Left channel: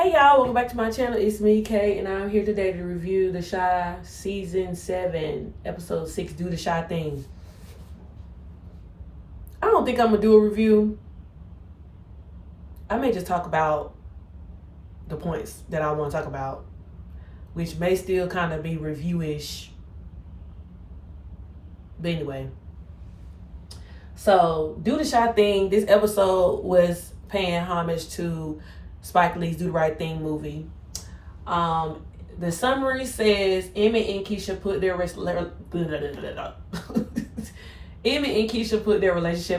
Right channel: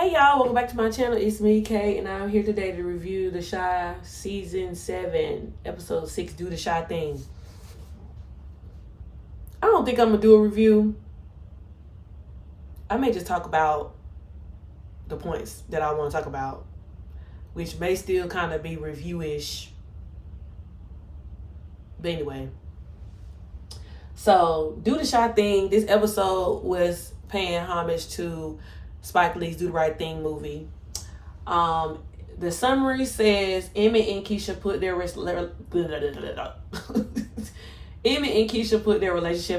Hey y'all, welcome back to my channel. It's me, Kay, and I'm here today to review The Chi Season 7, Episode 6, Do the Chi Thing. I don't think I'm going to do a review. I may just talk about the points that I want to talk about, which may still kind of be review-ish. But anyway. So, Do the Chi Thing. This episode was paying homage to Spike Lee's Do the Right Thing movie. The summary says Emmett and Keisha put their relationship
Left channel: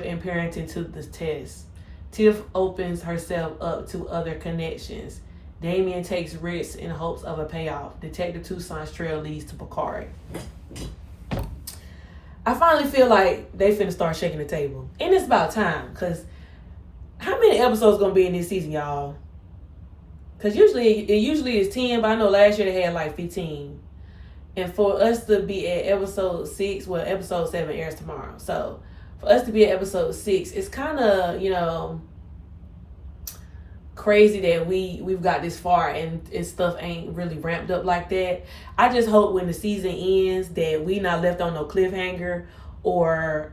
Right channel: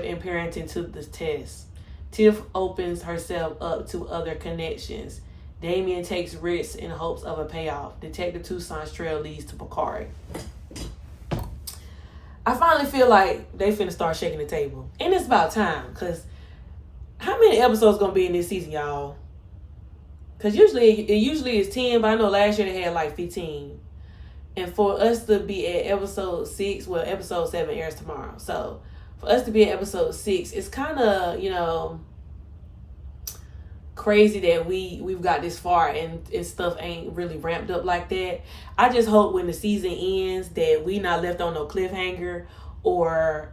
and parenting to the test. Tiff opens herself up to other connections. Damien takes risks in hopes of a payoff. Detective Tucson's trail leads to Bakari. I finally feel like they finna start shaking the table. And it's about time, because how many episodes gonna be in this season, y'all? Because it usually is 10, but I know last year they had like 15. And for us to be at episode 6, well, episode 7 airs tomorrow. So for us to be at episode 6, it's kind of, crazy that we've got this far and stuff ain't really ramped up like that. I just hope when the season ends that we not left on no cliffhanger, or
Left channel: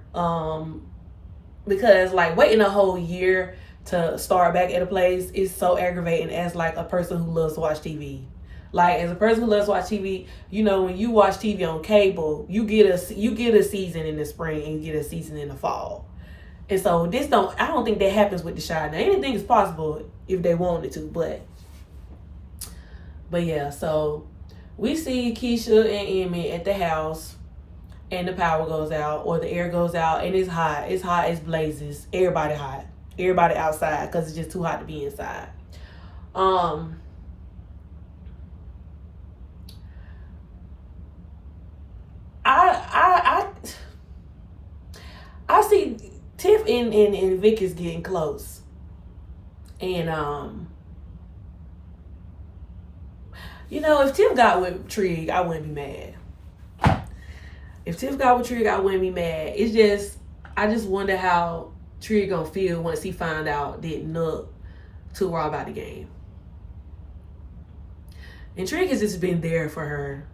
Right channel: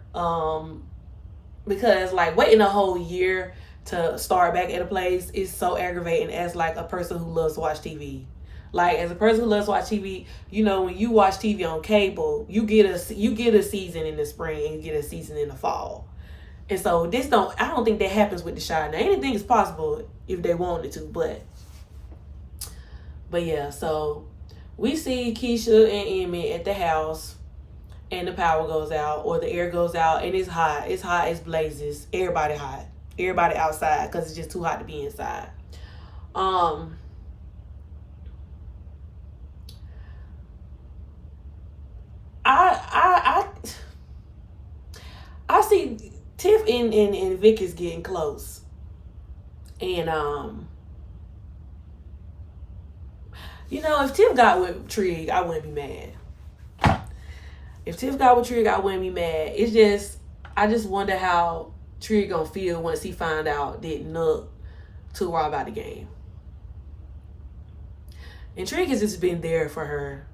because like waiting a whole year to start back at a place is so aggravating as like a person who loves to watch TV. Like, as a person who loves to watch TV, when you watch TV on cable, you get a season in the spring and you get a season in the fall. And so I don't think that happens with The Chi. Now, anything is possible if they wanted to, but yeah, so we see Keisha and Emmett at the house, and the power goes out, or the air goes out, and it's hot. It's hot as blazes. Everybody hot. Everybody outside because it's just too hot to be inside. I see Tiff and Vic is getting close. And if Tiff got with Trig, I wouldn't be mad. If Tiff got with Trig, I wouldn't be mad. I just wonder how Trig gonna feel once he find out that Nook took her about the game. And Trig has just been there for her.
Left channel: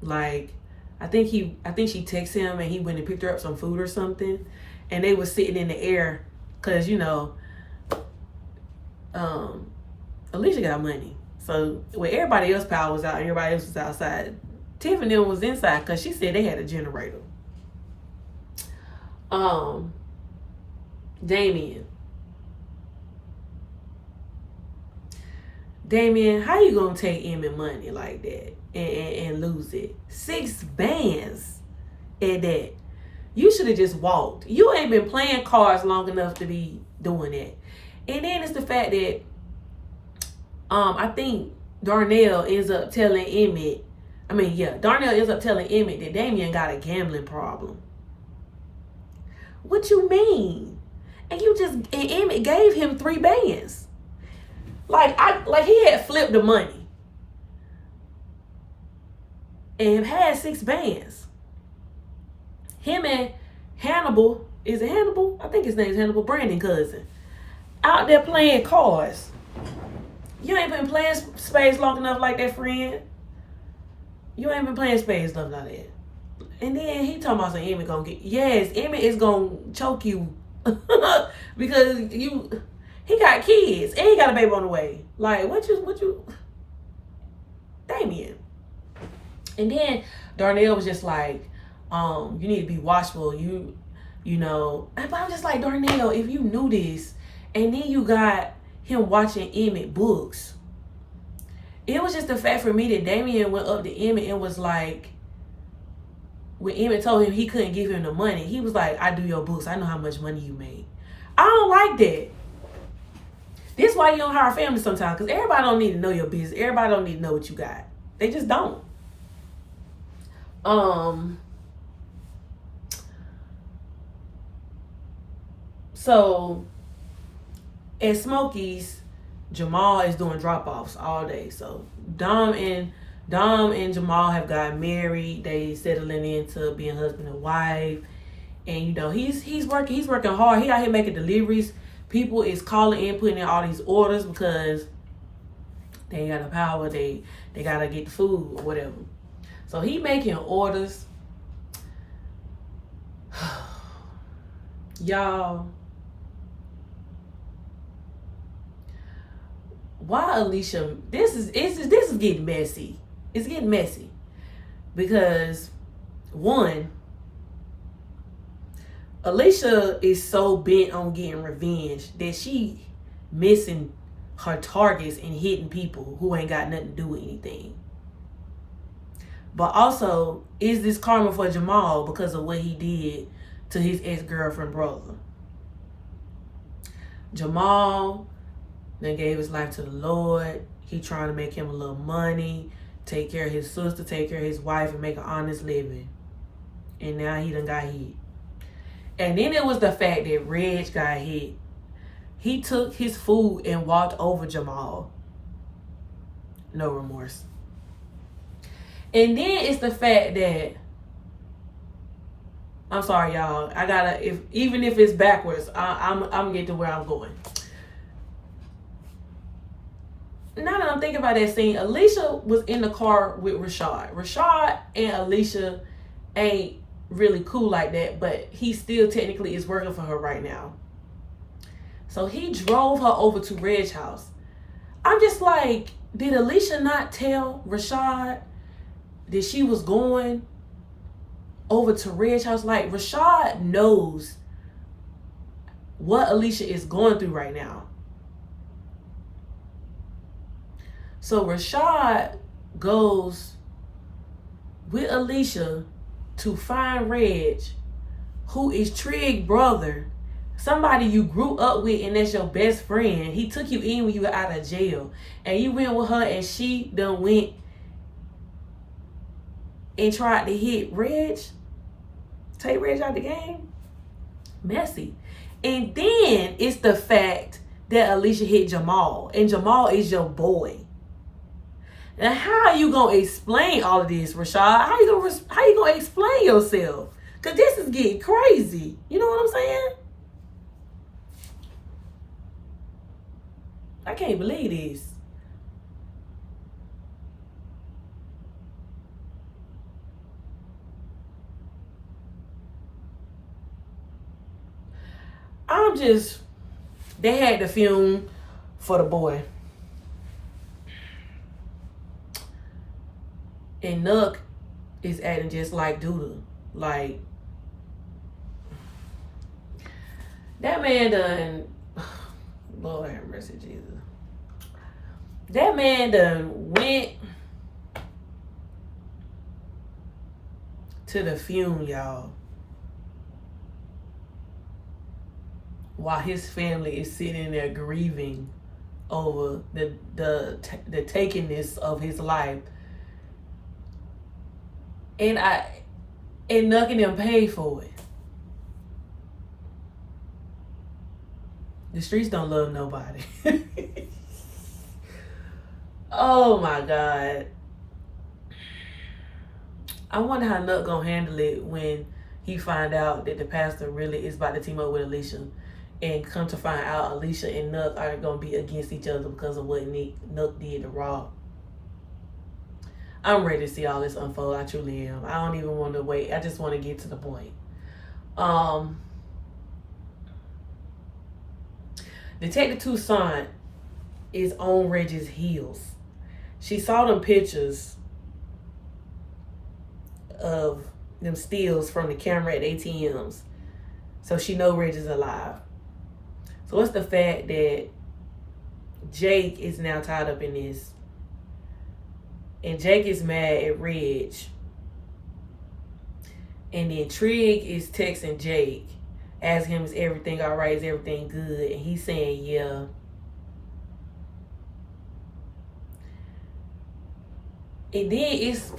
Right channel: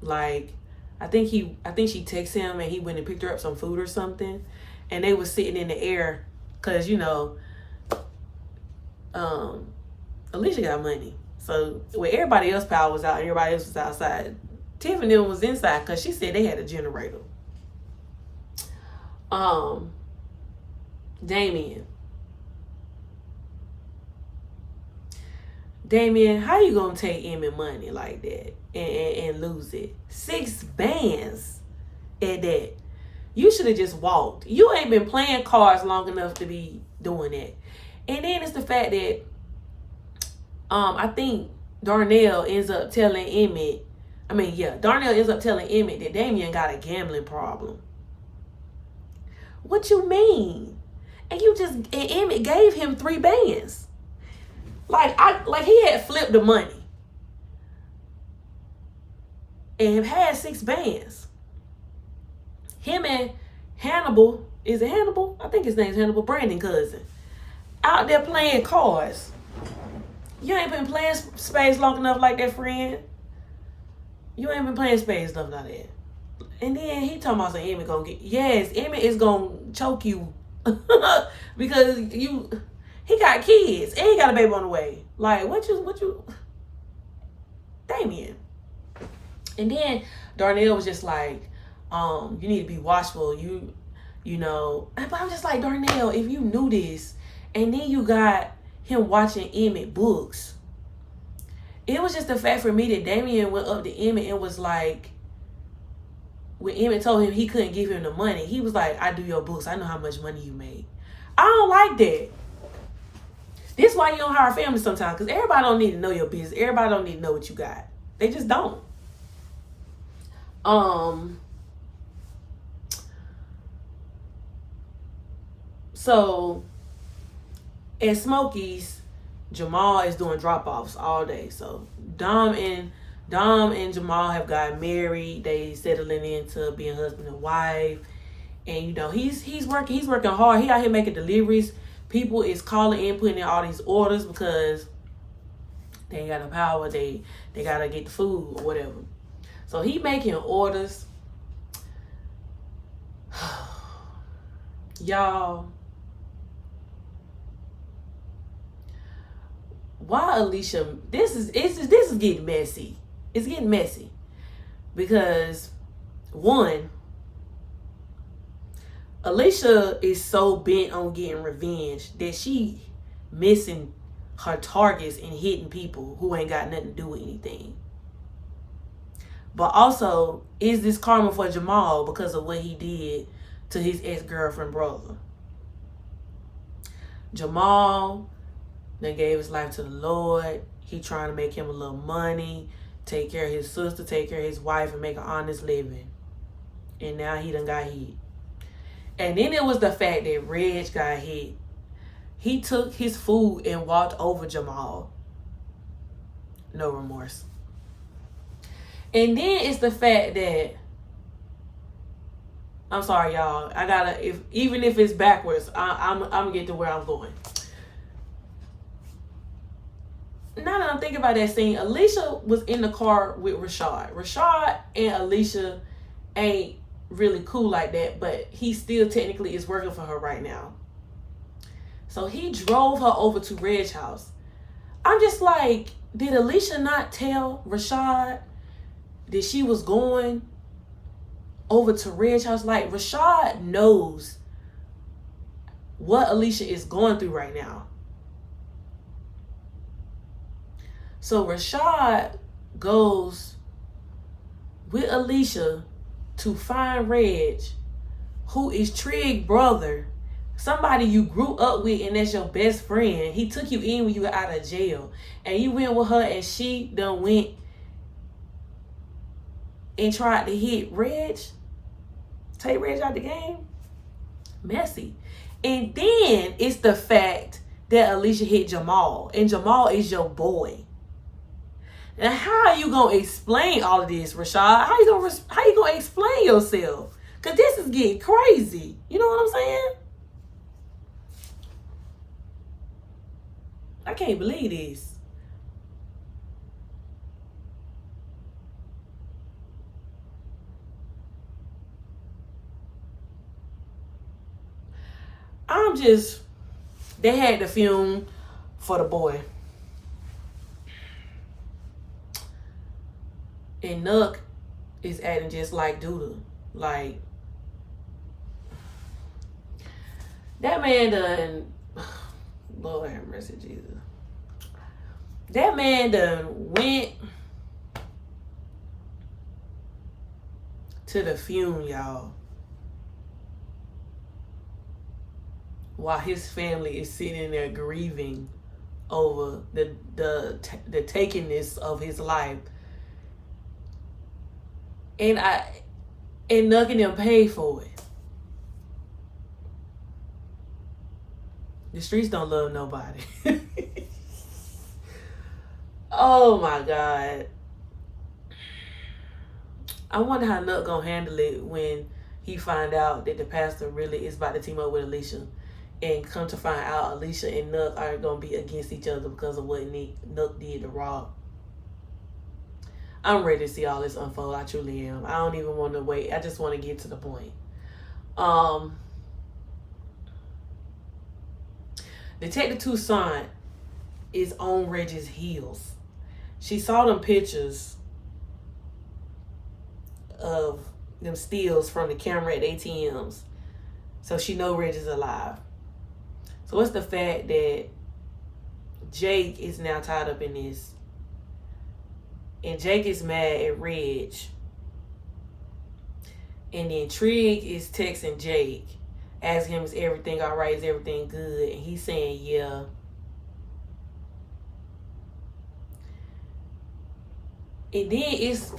Like, I think she texted him and he went and picked her up some food or something. And they was sitting in the air because, Alicia got money. So when everybody else power was out and everybody else was outside, Tiff and them was inside because she said they had a generator. Damien, how you gonna take Emmett money like that and lose it? 6 bands at that. You should have just walked. You ain't been playing cards long enough to be doing that. And then it's the fact that I think Darnell ends up telling Emmett that Damien got a gambling problem. What you mean? And Emmett gave him 3 bands. Like he had flipped the money and had 6 bands. Him and Hannibal, is it Hannibal? I think his name's Hannibal, Brandon cousin, out there playing cards. You ain't been playing spades long enough like that, friend. You ain't been playing spades long enough like that. And then he talking about Emmett gonna Emmett is gonna choke you because he got kids and he got a baby on the way. Like, what you Damien. And then Darnell was just like, you need to be watchful. But I'm just like, Darnell, if you knew this, and then you got him watching Emmett books, it was just the fact for me that Damien went up to Emmett and was like, when Emmett told him he couldn't give him the money, he was like, I do your books. I know how much money you made. I don't like that. This is why you don't hire family sometimes, because everybody don't need to know your business. Everybody don't need to know what you got. They just don't. So at Smokey's, Jamal is doing drop-offs all day. So Dom and Jamal have gotten married. They settling into being husband and wife. And he's working hard. He out here making deliveries. People is calling in, putting in all these orders because They ain't got no power. They gotta get the food or whatever. So he making orders. Y'all, why Alicia? This is getting messy. It's getting messy because one, Alicia is so bent on getting revenge that she missing her targets and hitting people who ain't got nothing to do with anything. But also, is this karma for Jamal because of what he did to his ex-girlfriend brother? Jamal then gave his life to the Lord. He trying to make him a little money, take care of his sister, take care of his wife, and make an honest living. And now he done got hit. And then it was the fact that Reg got hit. He took his food and walked over Jamal. No remorse. And then it's the fact that, I'm sorry, y'all. I gotta, even if it's backwards, I'm gonna get to where I'm going. Now that I'm thinking about that scene, Alicia was in the car with Rashad. Rashad and Alicia ain't really cool like that, but he still technically is working for her right now. So he drove her over to Reg's house. I'm just like, did Alicia not tell Rashad that she was going over to Reg's house? Like, Rashad knows what Alicia is going through right now. So Rashad goes with Alicia to find Reg, who is Trig's brother, somebody you grew up with and that's your best friend. He took you in when you were out of jail. And you went with her and she done went and tried to hit Reg. Take Reg out the game. Messy. And then it's the fact that Alicia hit Jamal. And Jamal is your boy. Now, how are you gonna explain all of this, Rashad? How you gonna explain yourself? Cause this is getting crazy. You know what I'm saying? I can't believe this. They had the film for the boy. And Nuck is acting just like Duda. Like, that man done, Lord have mercy, Jesus. That man done went to the funeral, y'all, while his family is sitting there grieving over the takingness of his life. And Nuck and them paid for it. The streets don't love nobody. Oh my God. I wonder how Nuck gonna handle it when he find out that the pastor really is about to team up with Alicia, and come to find out Alicia and Nuck are gonna be against each other because of what Nuck did to Rob. I'm ready to see all this unfold. I truly am. I don't even want to wait. I just want to get to the point. Detective Toussaint is on Reg's heels. She saw them pictures of them steals from the camera at ATMs. So she know Reg is alive. So what's the fact that Jake is now tied up in this? And Jake is mad at Reg. And then Trig is texting Jake, asking him, is everything all right? Is everything good? And he's saying, yeah. And then it's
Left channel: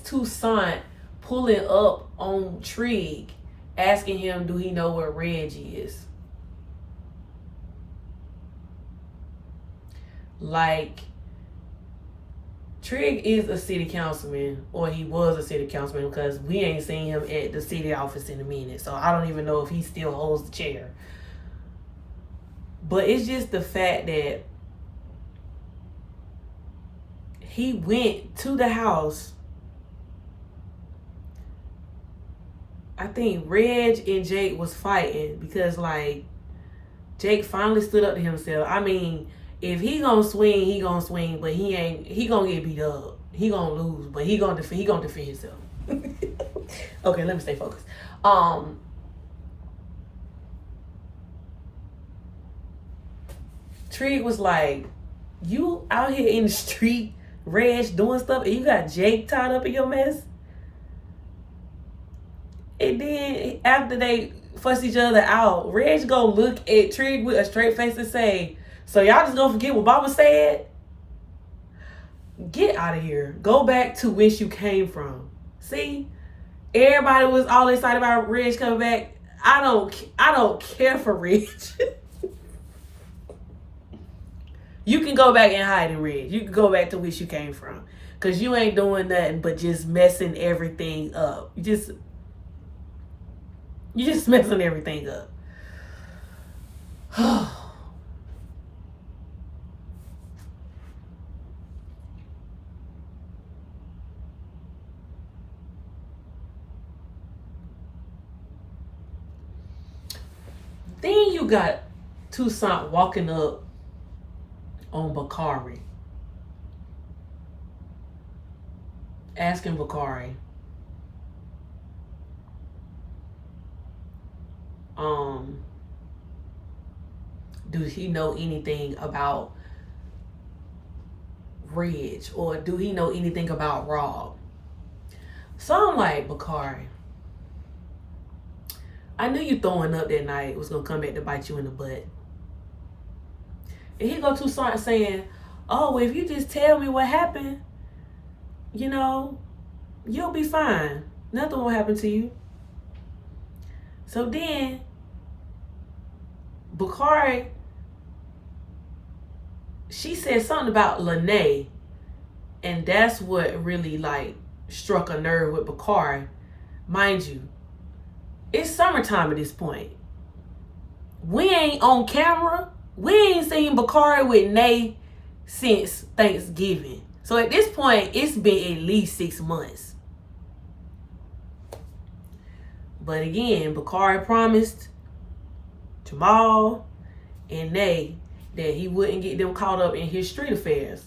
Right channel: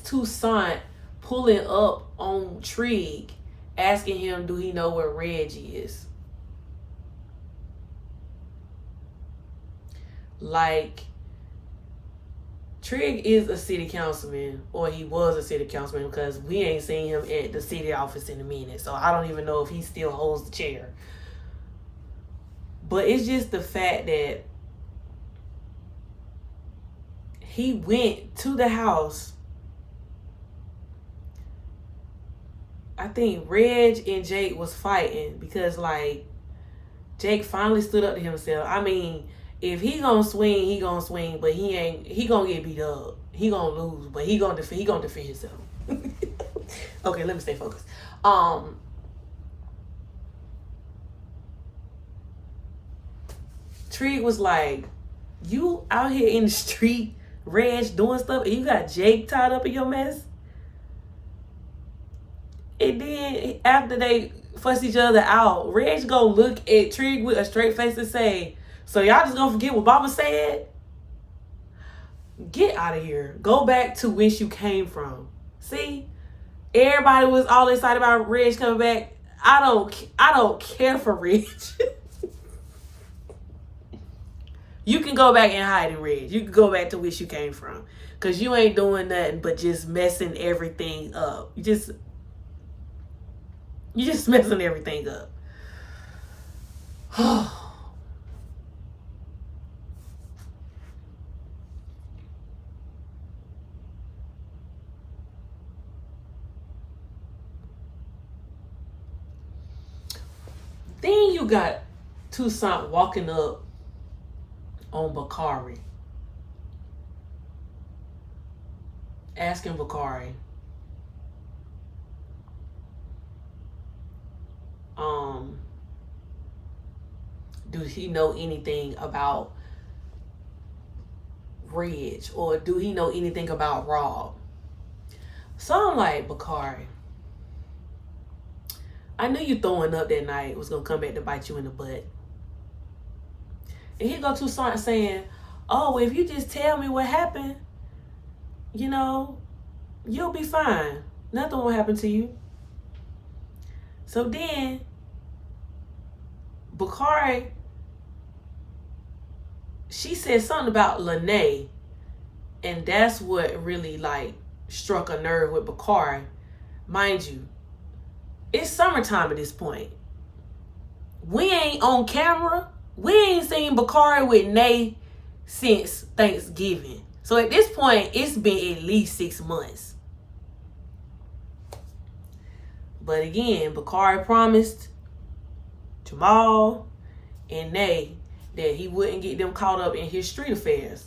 Toussaint pulling up on Trig, asking him, do he know where Reg is? Like, Trig is a city councilman, or he was a city councilman, because we ain't seen him at the city office in a minute. So I don't even know if he still holds the chair. But it's just the fact that he went to the house. I think Reg and Jake was fighting because, like, Jake finally stood up to himself. I mean, if he gonna swing, he gonna swing, but he gonna get beat up. He gonna lose, but he gonna defend himself. Okay, let me stay focused. Trig was like, you out here in the street, Reg, doing stuff, and you got Jake tied up in your mess? And then after they fuss each other out, Reg gonna look at Trig with a straight face and say, so y'all just gonna forget what Baba said? Get out of here. Go back to whence you came from. See? Everybody was all excited about Reg coming back. I don't care for Reg. You can go back and hide in Reg. You can go back to where you came from. Because you ain't doing nothing but just messing everything up. You just messing everything up. Then you got Toussaint walking up on Bakari, asking Bakari, do he know anything about Reg, or do he know anything about Rob? So I'm like, Bakari, I knew you throwing up that night was gonna come back to bite you in the butt. And he go Toussaint saying, oh, if you just tell me what happened, you know, you'll be fine. Nothing will happen to you. So then, Bakari, she said something about Lene, and that's what really, like, struck a nerve with Bakari. Mind you, it's summertime at this point. We ain't on camera. We ain't seen Bakari with Nay since Thanksgiving. So at this point, it's been at least 6 months. But again, Bakari promised Jamal and Nay that he wouldn't get them caught up in his street affairs.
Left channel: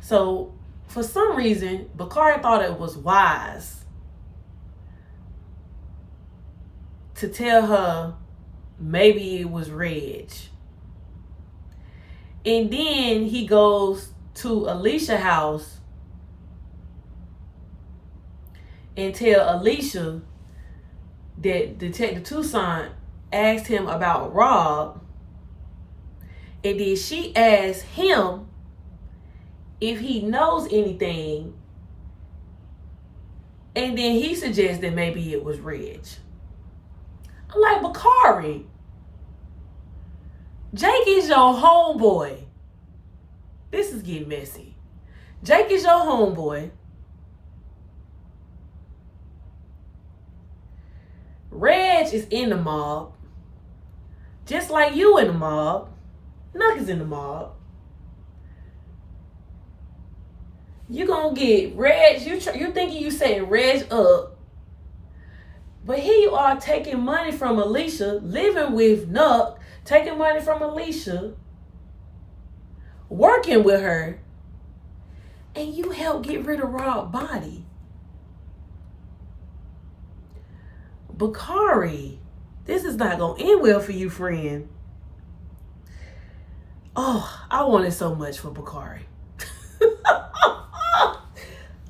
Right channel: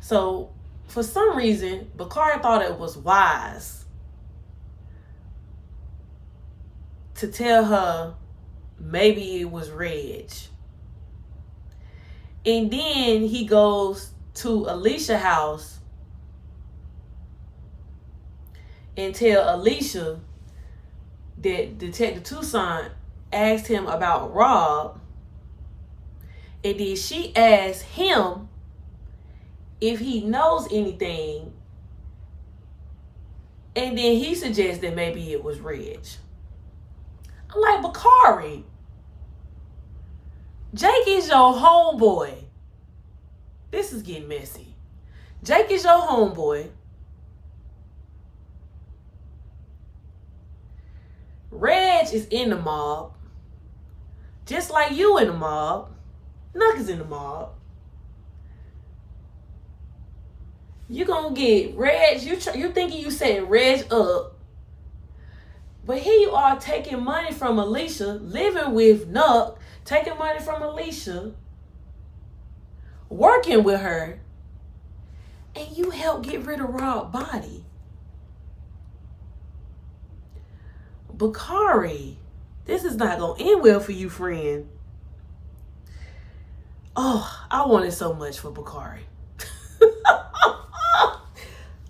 So for some reason, Bakari thought it was wise to tell her maybe it was Reg. And then he goes to Alicia's house and tell Alicia that Detective Toussaint asked him about Rob, and then she asked him if he knows anything, and then he suggested maybe it was Reg. I'm like, Bakari, Jake is your homeboy. This is getting messy. Jake is your homeboy. Reg is in the mob. Just like you in the mob. Nuck is in the mob. You gonna get Reg, you thinking you setting Reg up. But here you are taking money from Alicia, living with Nuck, taking money from Alicia, working with her, and you help get rid of Rob's body. Bakari, this is not going to end well for you, friend. Oh, I wanted so much for Bakari.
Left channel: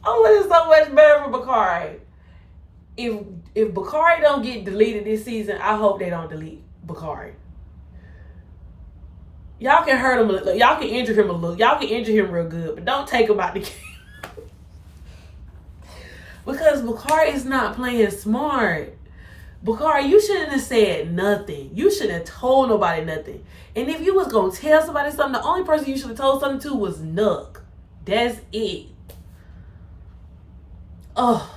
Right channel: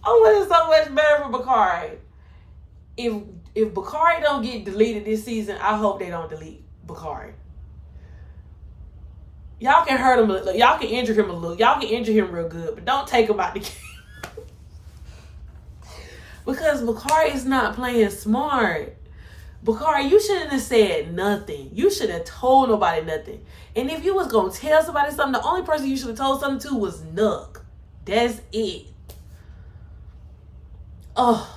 I wanted so much better for Bakari. If Bakari don't get deleted this season, I hope they don't delete Bakari. Y'all can hurt him a little. Y'all can injure him a little. Y'all can injure him real good, but don't take him out the game. Because Bakari is not playing smart. Bakari, you shouldn't have said nothing. You shouldn't have told nobody nothing. And if you was going to tell somebody something, the only person you should have told something to was Nuck. That's it. Oh.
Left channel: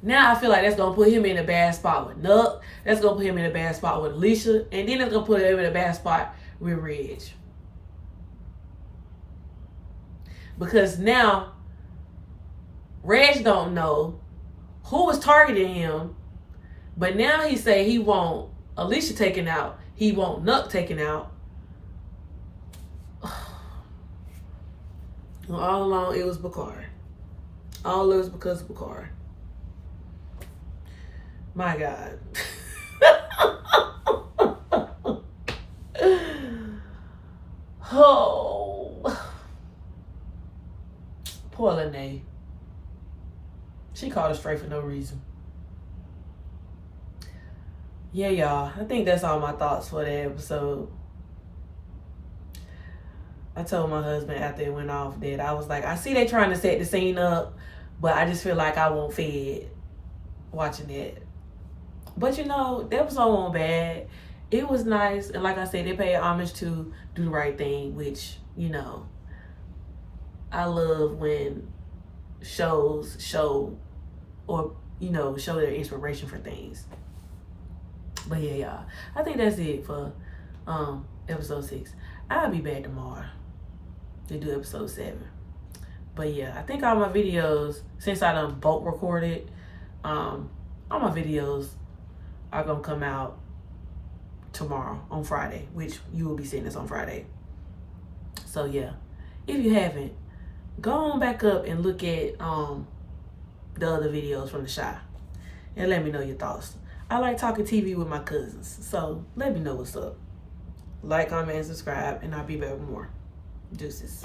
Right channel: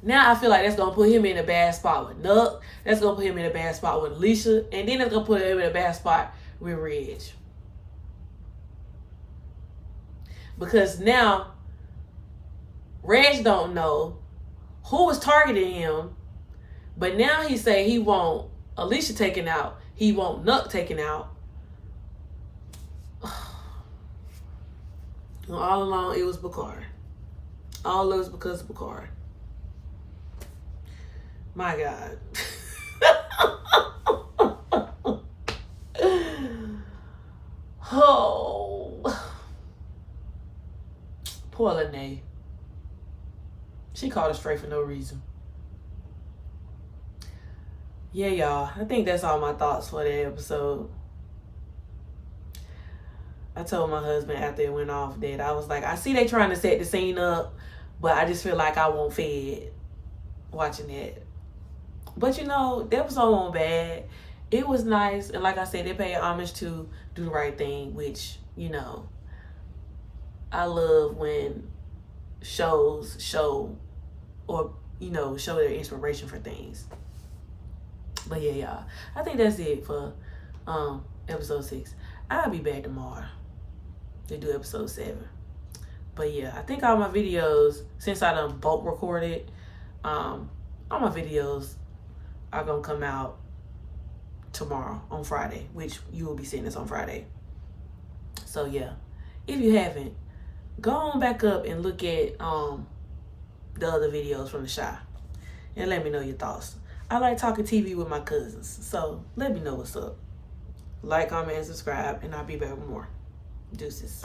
Now I feel like that's going to put him in a bad spot with Nuck. That's going to put him in a bad spot with Alicia. And then it's going to put him in a bad spot with Reg. because now Reg don't know who was targeting him, but now he say he want Alicia taken out. He want Nuck taken out. And all along, it was Bakari. All it was because of Bakari. My God. Oh. Poor Lene. She called us straight for no reason. Yeah, y'all. I think that's all my thoughts for that episode. I told my husband after it went off that I was like, I see they trying to set the scene up, but I just feel like I won't fed watching it. But you know, the episode wasn't bad. It was nice, and like I said, they paid homage to Do the Right Thing, which, you know, I love when shows show or, you know, show their inspiration for things. But yeah, y'all, I think that's it for episode 6. I'll be back tomorrow to do episode 7. But yeah, I think all my videos, since I done bulk recorded, all my videos are gonna come out tomorrow on Friday, which you will be seeing this on Friday. So yeah, if you haven't, go on back up and look at the other videos from the Shy and let me know your thoughts. I like talking TV with my cousins, so let me know what's up. Like, comment, and subscribe, and I'll be back with more. Deuces.